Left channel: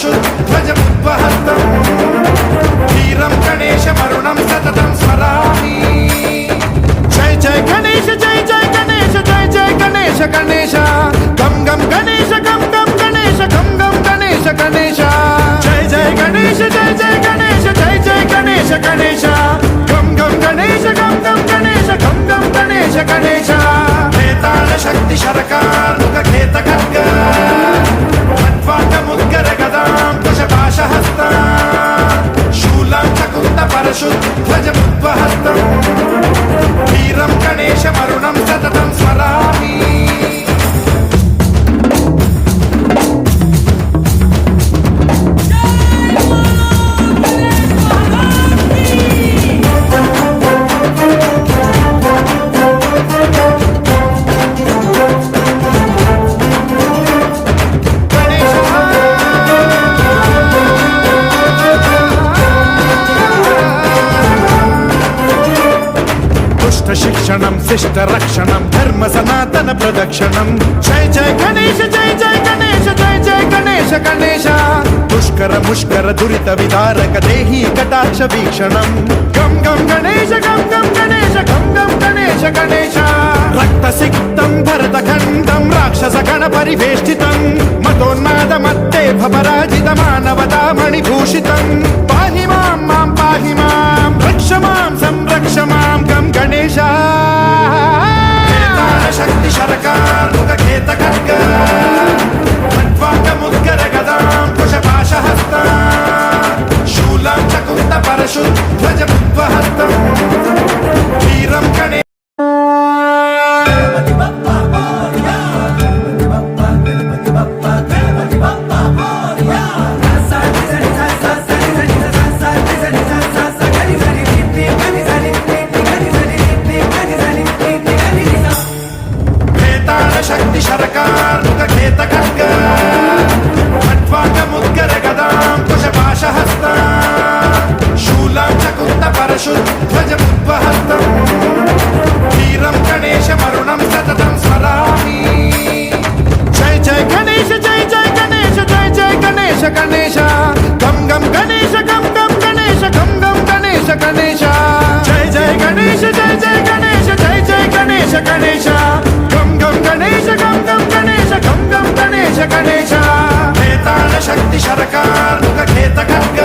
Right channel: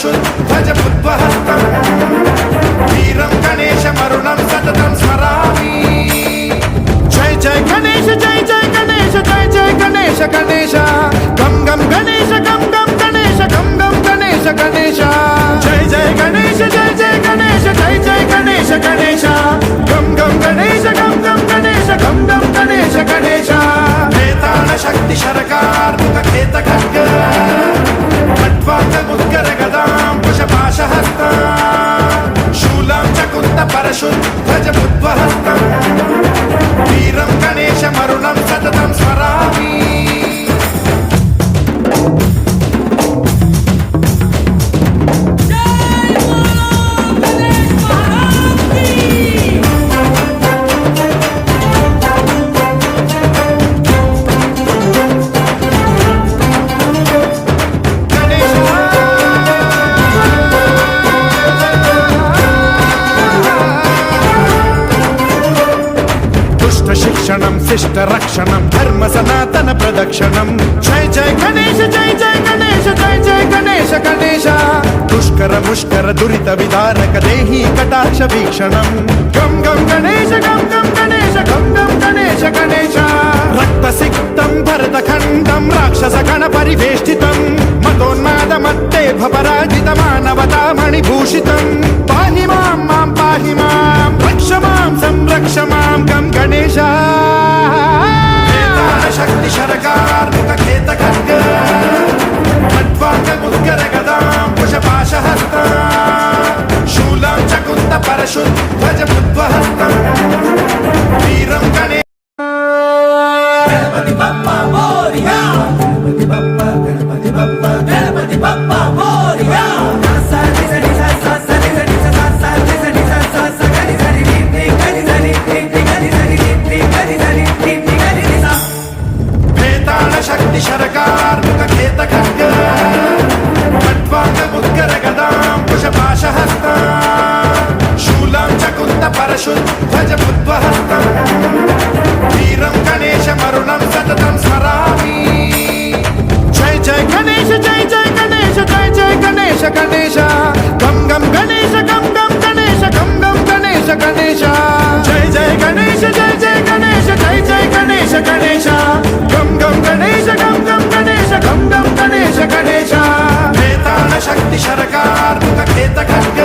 परशुध्वजमुद्वहस्तम् वीरं गणेशमरुणं सततं स्मरामि। जय जय गणेश जय जय गणेश जय जय गणेश गणेश गम गम गणेश गम गम गणेश गम गम गणेश गणेश जय जय गणेश जय जय गणेश जय जय गणेश गणेश गम गम गणेश गम गम गणेश गम गम गणेश गणेश वेताल शक्ति शरकार मुखखेत खड्ग खट्वाङ्गमुद्गर गदां कुशपाशहस्तां शूलं च कुन्त परशुध्वजमुद्वहस्तम् वीरं गणेशमरुणं सततं स्मरामि। शिक्षणं शिष्ट रक्षणं धर्म सनातन प्रदक्षिणं जय जय गणेश जय जय गणेश जय जय गणेश गणेश दुष्कर मुष्कर दुरित विदारक देहि कटाक्ष वीक्षणं गम गम गणेश गम गम गणेश गम गम गणेश गणेश रक्त सिक्तं भरतखण्डं राक्षस गण परिवेष्टितं मदोन्माद मत्ते भपराजित मानवता मणिभूषितं पाहि मां मां पाहि मां रक्ष मां संरक्ष मां गम गणेश शक्ति शरकार मुखखेत खड्ग खट्वाङ्गमुद्गर गदां कुशपाशहस्तां शूलं च कुन्त परशुध्वजमुद्वहस्तम् वीरं गणेश गणपति बप्पा मोरया गणपति बप्पा गणपति बप्पा गणपति बप्पा मोरया शक्ति शरकार मुखखेत खड्ग खट्वाङ्गमुद्गर गदां कुशपाशहस्तां शूलं च कुन्त परशुध्वजमुद्वहस्तम् वीरं गणेशमरुणं सततं स्मरामि। जय जय गणेश जय जय गणेश जय जय गणेश गणेश गम गम गणेश गम गम गणेश गम गम गणेश गणेश जय जय गणेश जय जय गणेश जय जय गणेश गणेश गम गम गणेश गम गम गणेश गम गम गणेश गणेश वेताल शक्ति शरकार मुखखेत खड्ग